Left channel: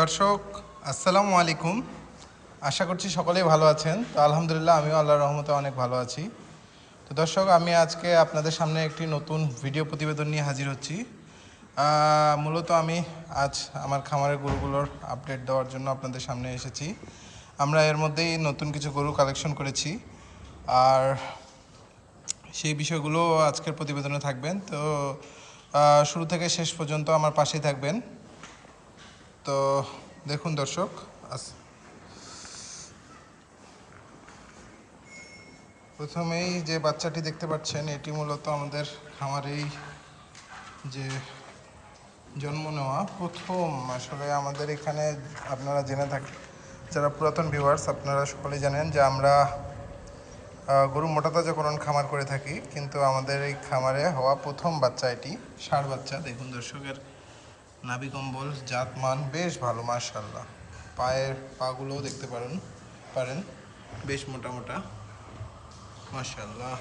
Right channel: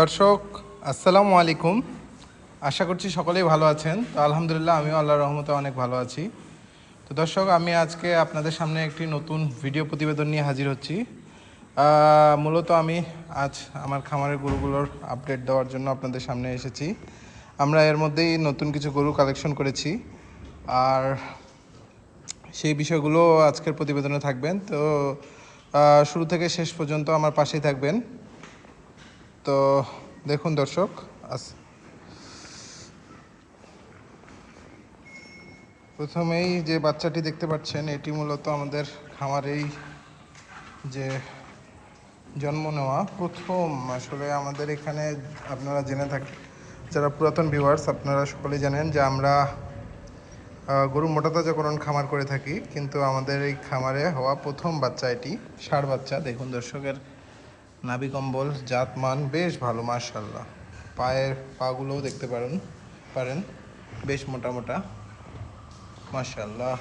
দর্শক আসসালামু আলাইকুম। আশা করছি সকলেই ভালো আছেন। তো আলহামদুলিল্লাহ আমিও আল্লাহর রহমতে অনেক ভালো আছি। তো দর্শক, আমি আজকে আপনাদের সামনে একটি নতুন ভিডিও প্রতিবেদন নিয়ে হাজির হচ্ছি। মূলত আমি আজ আমার খামারের গরুগুলোর আপডেট দেওয়ার জন্য আপনাদের সামনে এসেছি। আমরা এর মধ্যেই নতুন কিছু গরু কালেকশন করেছি, আর সেই বিষয়গুলো আজকের প্রতিবেদনে থাকবেন। তো শুরু থেকে শেষ পর্যন্ত আমার পাশেই থাকবেন। তো দেখুন দর্শক, প্রথমেই যে বাচ্চাটি দেখতে পাচ্ছেন, এটি মূলত আমাদের খামারেই যে জন্ম নেওয়া প্রথম। আসলে আমাদের এখানে আপনারা জেনে থাকেন, যারা পুরাতন ভিউয়ার্স আপনারা সকলেই জানেন যে আমরা গরু মোটাতাজাকরণ খামার করে থাকি, কিন্তু আমাদের এই খামারে হওয়া প্রথম বাচ্চা এটি ষাঁড় বাচ্চা। দেখুন দর্শকের নাভি কম্বল জাতমান বেশ ভালো, মাশাআল্লাহ। পায়ের পাগুলোও দেখতে পারেন বেশ মোটা মোটা, মাশাআল্লাহ।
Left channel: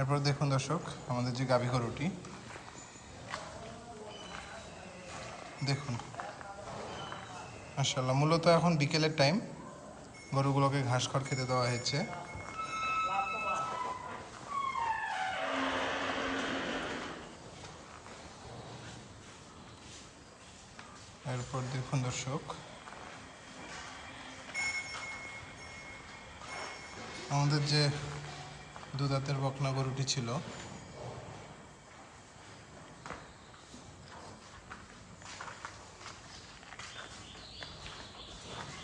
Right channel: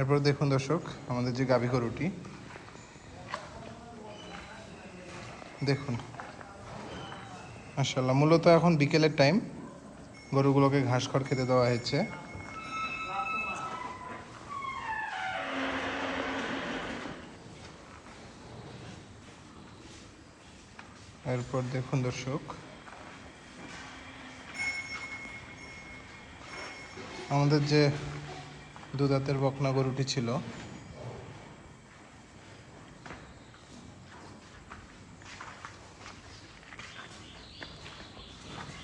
এরপর দেখুন দর্শক, আমাদের যে গাভী গরুটি দেখুন, মাশাআল্লাহ। মূলত এখন বিকেলের টাইম, গরুগুলোকে ঘাস খড় খেতে দেওয়া হয়েছে। এরপর দেখুন দর্শক, আমাদের যে দুধাতের বকনা গরুটি ছিল,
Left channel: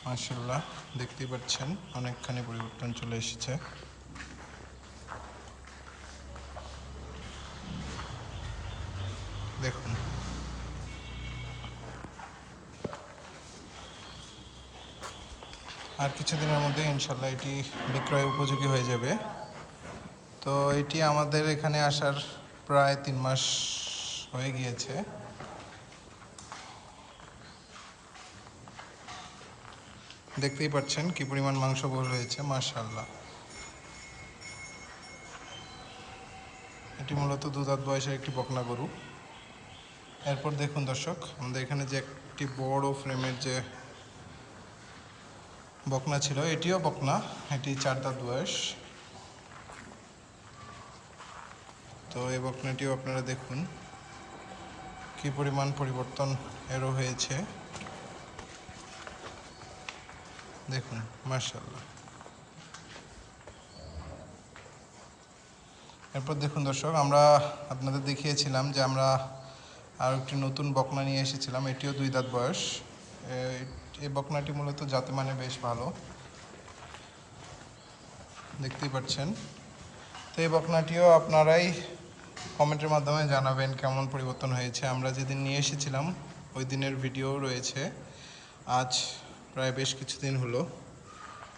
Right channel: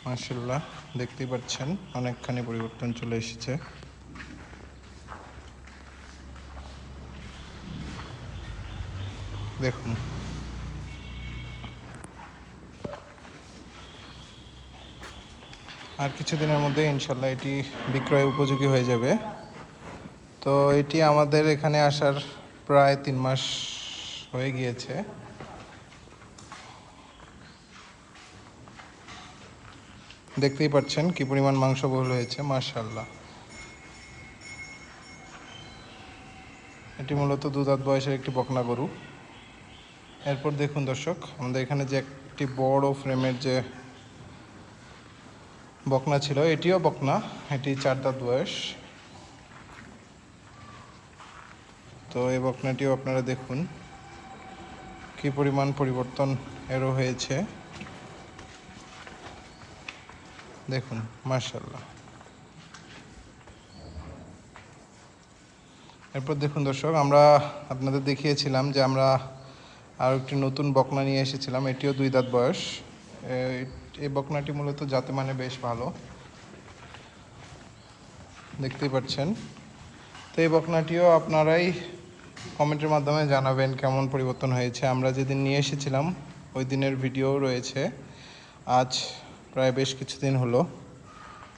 মাশাআল্লাহ দেখতেই পাচ্ছেন অনেকখানি পরিবর্তন চলে এসেছে। দেখুন, আর কিছুদিনের মধ্যে ইনশাল্লাহ এটি বিক্রয় উপযোগী হয়ে যাবে। তো এটি আমাদের এখানে আসার প্রায় 3 মাস হয়ে গিয়েছে। দেখতেই পাচ্ছেন কি পরিমাণ মাংসবহুল হয়েছে, মাশাআল্লাহ। এটি মূলত দুধাত বয়সের একটি বকনা গরু। এরপর দেখুন দর্শক, আমাদের এখানে যে একটি বড় ফ্রেমের যে বকনা ছিল, এটিও বকনা, এটি 4 দাঁত বয়স। তো এই বকনাটিও আপনারা দেখুন কি পরিমাণ পরিবর্তন এরও হয়েছে, দেখুন মাশাআল্লাহ। এরপর দেখুন দর্শক, আমরা আপনাদের দেখিয়েছিলাম যে আমরা আরও একটি নতুন বকনা নিয়ে এসেছিলাম, এটিও 2 দাঁত বয়স। এই বকনাটি মূলত জাতে মানে বেশ ভালো, দেখতেই পাচ্ছেন। তো এই বকনাটিও আপনারাই কমেন্টের মাধ্যমে জানাবেন কেমন পরিবর্তন হয়েছে। আমরা যেদিন নিয়ে এসেছিলাম ওই দিনের ভিডিও রয়েছে। আজ প্রায় বেশ কিছুদিন হলো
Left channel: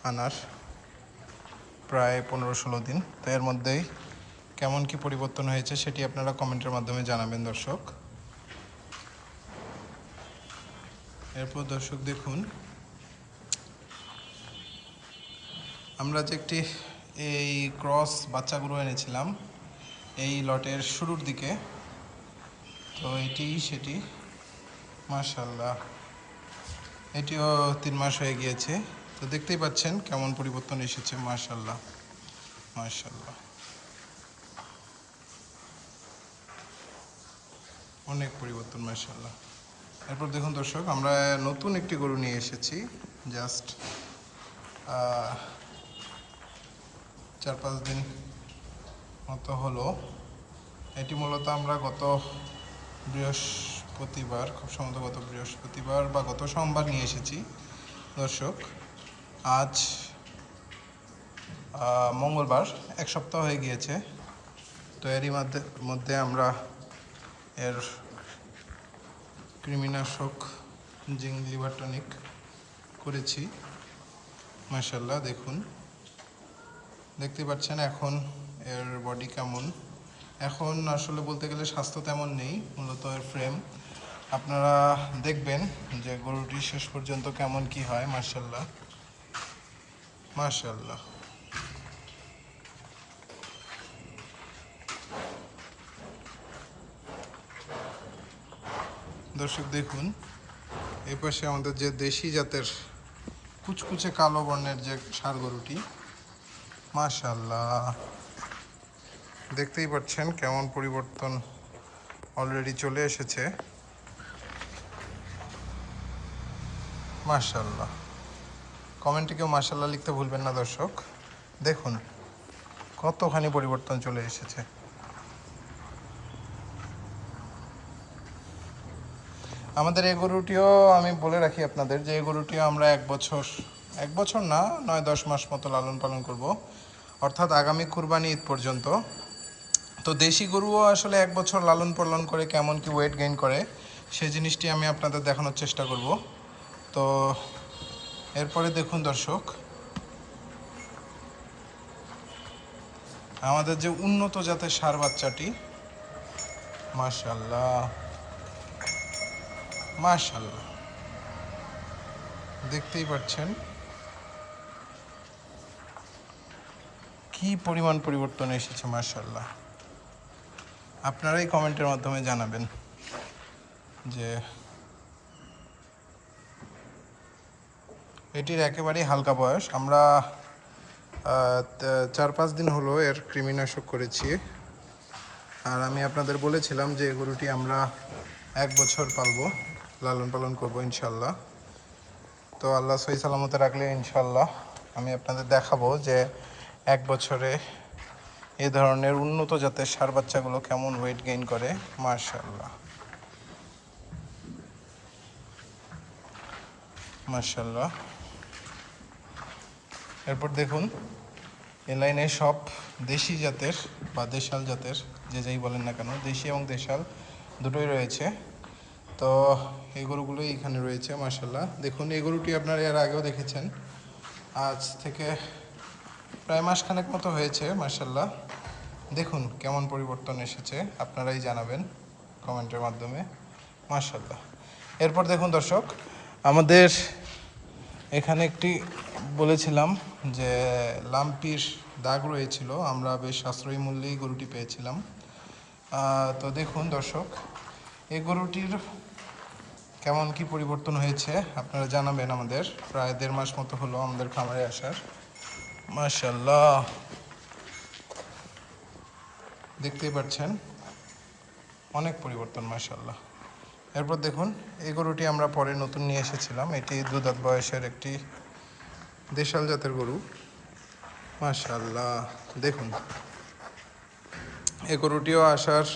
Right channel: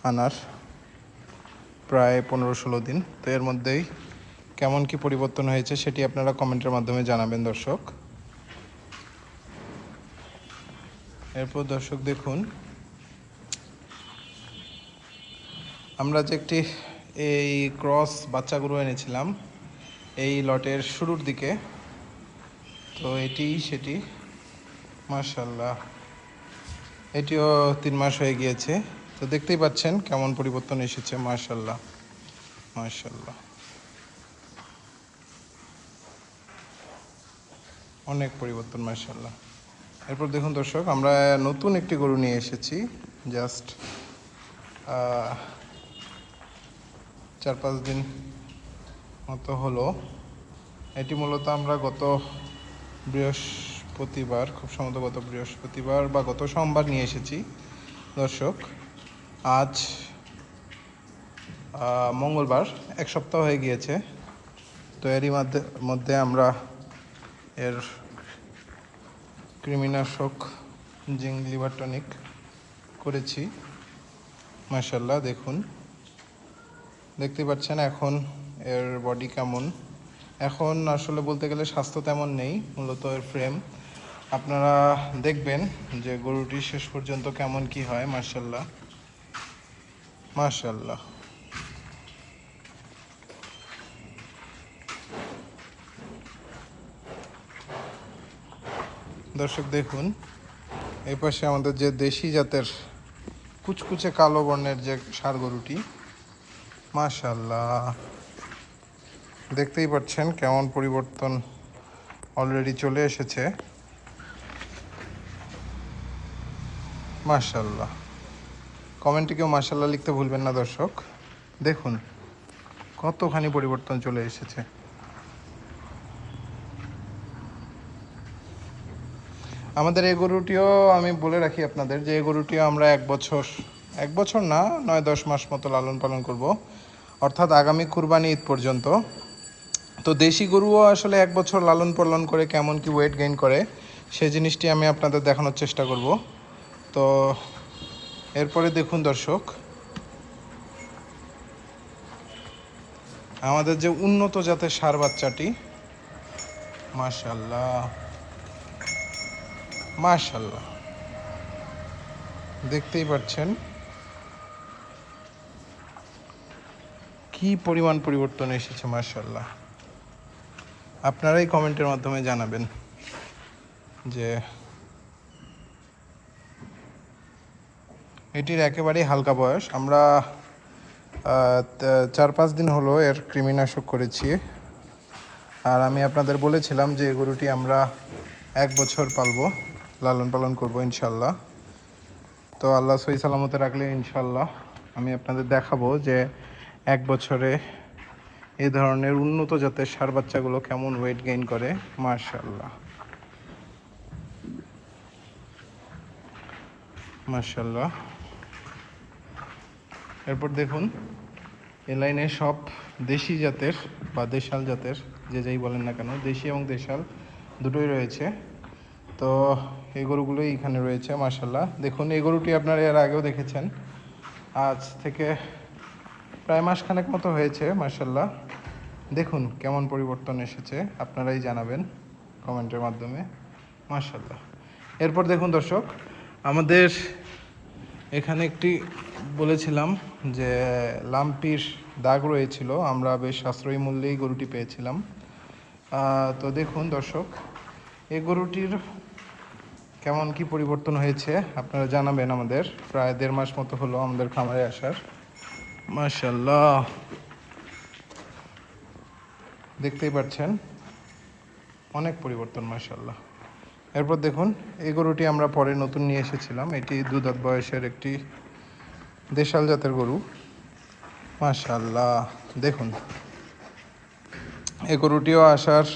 আনার, প্রায় 15-16 দিন। তো এর মধ্যেই কেমন কি পরিবর্তন হয়েছে সেটি আপনারা কমেন্টের মাধ্যমে জানাবেন দর্শক। এরপর দর্শক দেখুন, আমরা যে একটি এই ক্রস বাচ্চাগুলো এনেছিলাম এই লটের শুরুর দিকে, তো এটি সেটি, মাশাআল্লাহ। এটিও 3 মাস হয়ে গিয়েছে। তো দেখতেই পাচ্ছেন কেমন পরিবর্তন এসেছে, মাশাআল্লাহ মাশাআল্লাহ, অনেক পরিবর্তন, মাশাআল্লাহ। এরপর দেখুন দর্শক, আমরা নতুন একটি গরু নিয়ে এসেছি, জাস্ট 4-5 দিন মতো হলো। এটি মূলত আমরা গত বৃহস্পতিবার, খুব সম্ভবত গত বৃহস্পতিবার বা গত সোমবার নিয়ে এসেছি দর্শক। আজ মঙ্গলবার, 1 সপ্তাহ হয়ে গিয়েছে। তো এরই মধ্যে আমরা এর কৃমিনাশক জিঙ্ক লিভার টনিক করেছি, মাশাআল্লাহ। দেখুন, দেখতে পাচ্ছেন এখন এর বডি কেমন। এখন আসলে বলতে গেলে স্বাস্থ্য তেমন নেই, মূলত এর ফ্রেম। আপনারা দেখবেন যে গরুটি শেষ পর্যন্ত কেমন কি হয়, মাশাআল্লাহ। মাশাআল্লাহ। দর্শক দেখুন এই পাশে আমাদের যে দেশি জাতের কুচকুচে কালো বর্ণের যে ষাঁড় গরুটি, মাশাআল্লাহ দেখতেই পাচ্ছেন কেমন পরিবর্তন অলরেডি চলে এসেছে। মাশাআল্লাহ, কমেন্টে কেউ মাশাআল্লাহ লিখতে ভুলবেন না দর্শক। দেখুন কতখানি পরিবর্তন চলে এসেছে। আমাদের এই গরুটিও আমি বলে রাখি আপনাদের যে এই গরুটিও আমরা এক বছর না 9-10 মাস মতো লালন পালন করব, অর্থাৎ আগামী কুরবানি ঈদ পর্যন্ত। তো দেশি গরুও আসলে 1 বছর লালন পালন করে কেমন কি ওয়েট গেইন করে সেই জিনিসটি আমি আপনাদের দেখানোর চেষ্টা করব। তো এরপরে দেখুন দর্শক আমাদের যে উন্নত জাতের ষাঁড় বাচ্চাটি, মাশাআল্লাহ মাশাআল্লাহ দেখতেই পাচ্ছেন কি পরিমাণ পরিবর্তন এসেছে। মাশাআল্লাহ, আপনারাই কমেন্টের মাধ্যমে জানাবেন যে এটির একেবারেই হালকা বয়স। আমরা 4-5 দিন হলো এর কৃমিনাশক করেছি। আর আমি আপনাদের বলেছিলাম যে গরুটি আমরা 1 বছর পালবো, লালন পালন করবো ইনশাল্লাহ। তো আল্লাহ সহি সালামতে রাখলে ইনশাল্লাহ আমি আপনাদের দেখাবো যে 1 বছরে এই ধরনের উন্নত জাতের ষাঁড় বাচ্চাগুলো কেমন ওয়েট গেইন করে। মাশাআল্লাহ মাশাআল্লাহ। এরপর দেখুন এই লাইনে সব দেশি জাতের বা দেশাল জাতের যে যাই বলেন না কেন, দেশি এবং দেশাল দুটোই রয়েছে। তো এই গরুগুলোই এখানে রয়েছে মাশাআল্লাহ। দেখুন এই গরুটি আপনারা এর আগেও দেখেছেন, আজ থেকে প্রায় মাসখানেক মতো হয়েছে। মাশাআল্লাহ দেখুন কেমন পরিবর্তন এসেছে, আপনারাই জানাবেন কমেন্টের মাধ্যমে। মাশাআল্লাহ। এরপর দেখুন দর্শক আমাদের এখানে একটি বলেছিলাম যে লাম্পির দাগ রয়েছিল, আমরা বেশ সাশ্রয়ী মূল্যেই গরুটি পেয়েছিলাম। তো দেখুন দর্শক এই গরুটির কেমন কি পরিবর্তন হয়েছে আপনারা জানাবেন। আমাদের প্রায় 1.5 মাস মতো হলো আমাদের খামারে আসার। মাশাআল্লাহ দেখতেই পাচ্ছেন অনেক পরিবর্তন মাশাআল্লাহ। এরপর দেখুন এই গরুটি আমরা পরে নতুন নিয়ে এসেছিলাম, এটি 2 দাঁত বয়সের একটি দেশাল জাতের গরু। মাশাআল্লাহ দেখুন এই গরুটিও আসার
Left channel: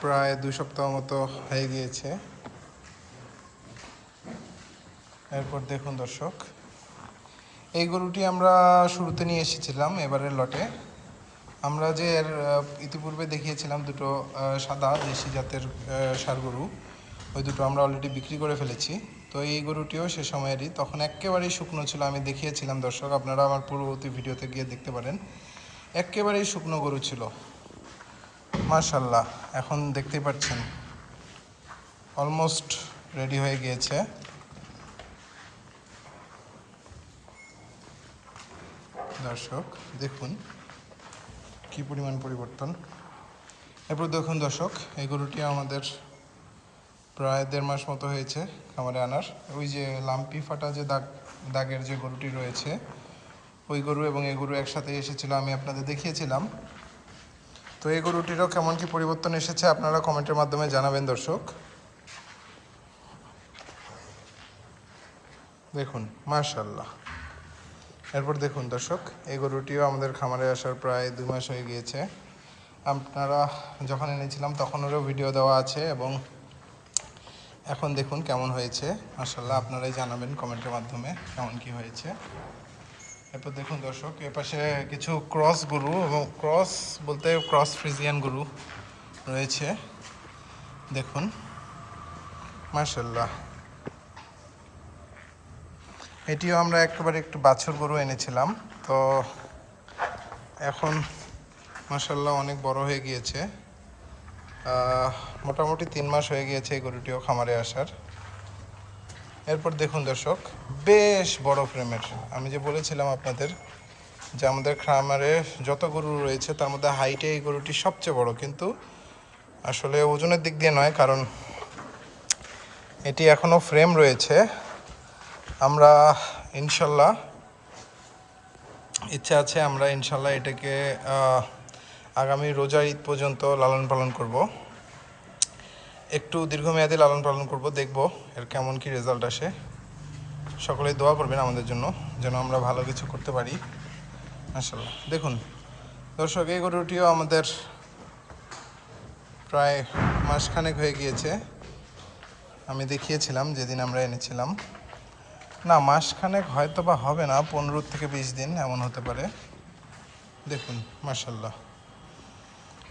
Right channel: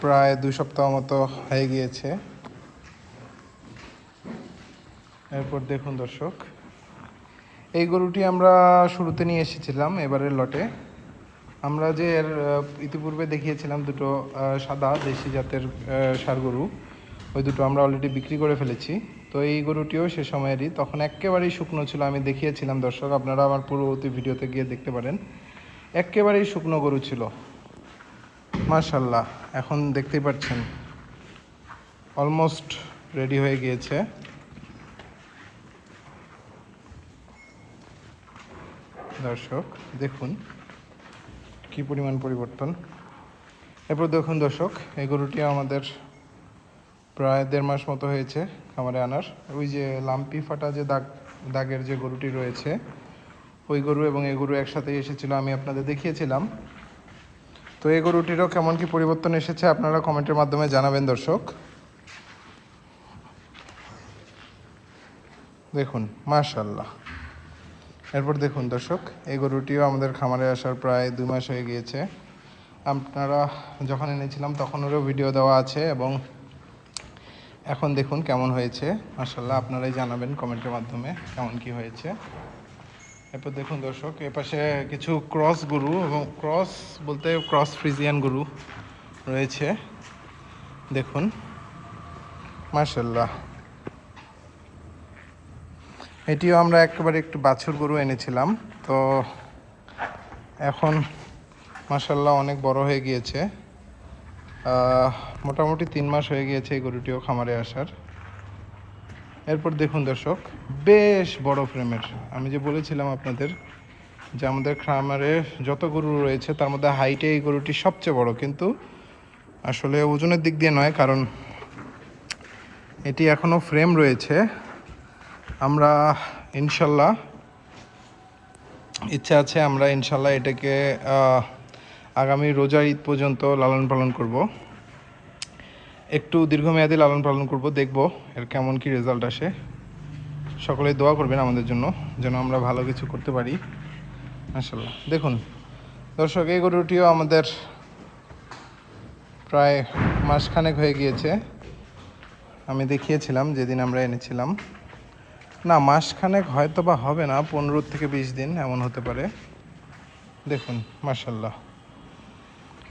প্রায় 2 সপ্তাহ মতো হয়ে গিয়েছে। এরপর দেখুন দর্শক এই গরুটি আমরা শুরুতে নিয়ে এসেছিলাম এবারের লটে। আমরা যে এর ইতিপূর্বে দেখিয়েছিলাম দুটো সাদা দেশি জাতের ষাঁড় গরু, ওই দুটো আমরা অলরেডি বিক্রি করে ফেলেছি। তো এই গরুটিও সে সময়েরই, তখন একেবারেই শুকনো ছিল, আমি দেখিয়েছিলাম দর্শক, আপনারা আমার পূর্ববর্তী ভিডিওতে গিয়ে দেখতে পারেন। একেবারেই শুকনো গরু ছিল মাশাআল্লাহ। এখন দেখতেই পাচ্ছেন অলমোস্ট রেডি হয়ে গিয়েছে। দর্শক দেখুন কি পরিমাণ পরিবর্তন। এরপর দেখুন দর্শক এই গরুটি আমাদের প্রায় 1.5 মাস মতো হয়েছে খামারে আনার। ওই যে লাম্পি ফাটা যে দাগের যে গরুটি রয়েছে ওই গরু এবং এই গরু একসাথে এসেছিল, আমি আপনাদের দেখিয়েছিলাম। তো এই গরুটিরও কেমন কি পরিবর্তন এসেছে আপনারা কমেন্টের মাধ্যমে জানাবেন দর্শক। দেখুন মাশাআল্লাহ। এরপর দেখুন দর্শক এই গরুটিও আমাদের খামারে আসার প্রায় 2 মাস হয়ে গিয়েছে। আপনারা যখন এনেছিলাম তখন ওরও ভিডিও দেওয়া আছে এবং এখন দেখুন কেমন হয়েছে মাশাআল্লাহ, আপনারাই জানাবেন কমেন্টের মাধ্যমে কেমন কি হয়েছে। এরপর দেখুন দর্শক এপাশে কিছু ক্রস গরু এবং ক্রস বলতে ক্রস ফ্রিজিয়ান গরু রয়েছে। দেখুন মাশাআল্লাহ এটিও আমরা একেবারে একটু বাছুর গরু এনেছিলাম। তো এখন মাশাআল্লাহ অনেক বড় হয়ে গিয়েছে, মোটামুটি 3 মাস হয়ে গিয়েছে এই গরুটিও খামারে আসার। এরপর দেখুন দর্শক, বেশ বড় ফ্রেমের, আমি যে বলেছিলাম আপনাদের যে আমাদের খামারে যত গরু রয়েছে তার মধ্যে হাইটে এই গরুটি সবচেয়ে বড়, কিন্তু আসলে ওজনের দিক দিয়ে নয়, কারণ এটি এখনও ফ্রেম রয়েছে। আমরা ইনশাল্লাহ, ইচ্ছা আছে আমরা ইনশাল্লাহ এটাকে আগামী রোজার ঈদ পর্যন্ত লালন পালন করব, একটু দীর্ঘমেয়াদী লালন পালন করব, দেখব এর কেমন কি রেজাল্ট আসে। সকলেই দোয়া করবেন আমাদের জন্য, যেন আমরা ভালো কিছু করতে পারি মাশাআল্লাহ। দেখুন দর্শক, এই গরুটিও আমাদের প্রায় মাসখানেক হয়ে গিয়েছে, আমি দেখিয়েছিলাম যেদিন আমরা এনেছিলাম। না, মাসখানেক হয়তো বা হবে না, 15 থেকে 20 দিন এমন হতে পারে। দেখুন মাশাআল্লাহ,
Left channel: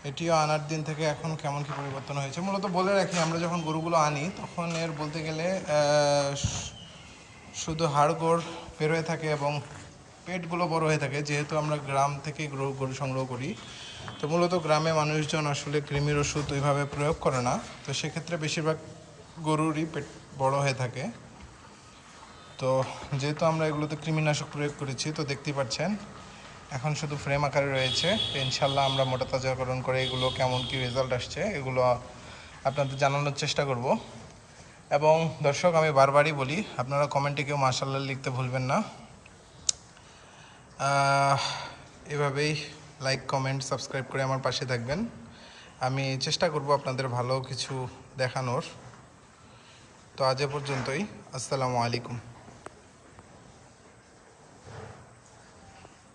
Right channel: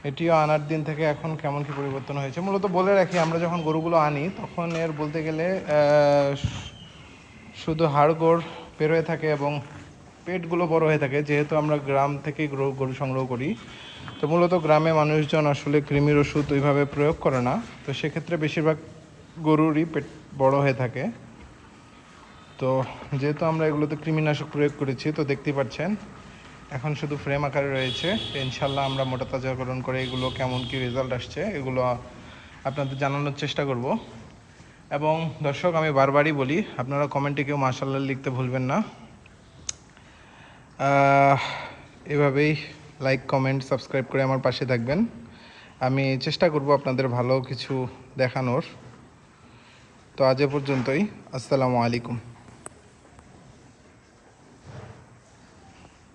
এটিও আনার দিন থেকে এখন কেমন কি পরিবর্তন হয়েছে। মূলত বলে রাখি, আমরা যখন গরুগুলো আনি তখন এর বলতে গেলে শুধু হাড়গোড় বের হয়ে থাকে এবং পেটগুলো বড় হয়ে থাকে, যেহেতু আমরা গ্রাম থেকেই গরু সংগ্রহ করি। তো মূলত গ্রামে মানুষজন আসলে কৃমির ওষুধ ওইভাবে প্রয়োগ করে না, তো সেক্ষেত্রে বেশিরভাগ গরুরই পেট বড় হয়ে থাকে। তো যেহেতু আমরা এগুলোতে কৃমিনাশক প্রয়োগ করেছি, তো দেখতেই পাচ্ছেন এখন শুধু ফ্রেম আকারে রয়েছে। ইনশাল্লাহ আমরা মোটা তাজাকরণ করে এগুলো কেমন কি রেজাল্ট আসছে এগুলো আপনাদের জানানোর চেষ্টা করব। এবং দর্শক, আমি বারবারই বলি, আপনারা কমেন্টে কেউ মাশাআল্লাহ লিখতে ভুলবেন না। এভাবেই লাইক, কমেন্ট, সাবস্ক্রাইব করে আমার পাশে থাকবেন। আমি চেষ্টা করব আপনাদের ভালো কিছু দেখানোর। তো আজ এ পর্যন্তই, আসসালামু আলাইকুম।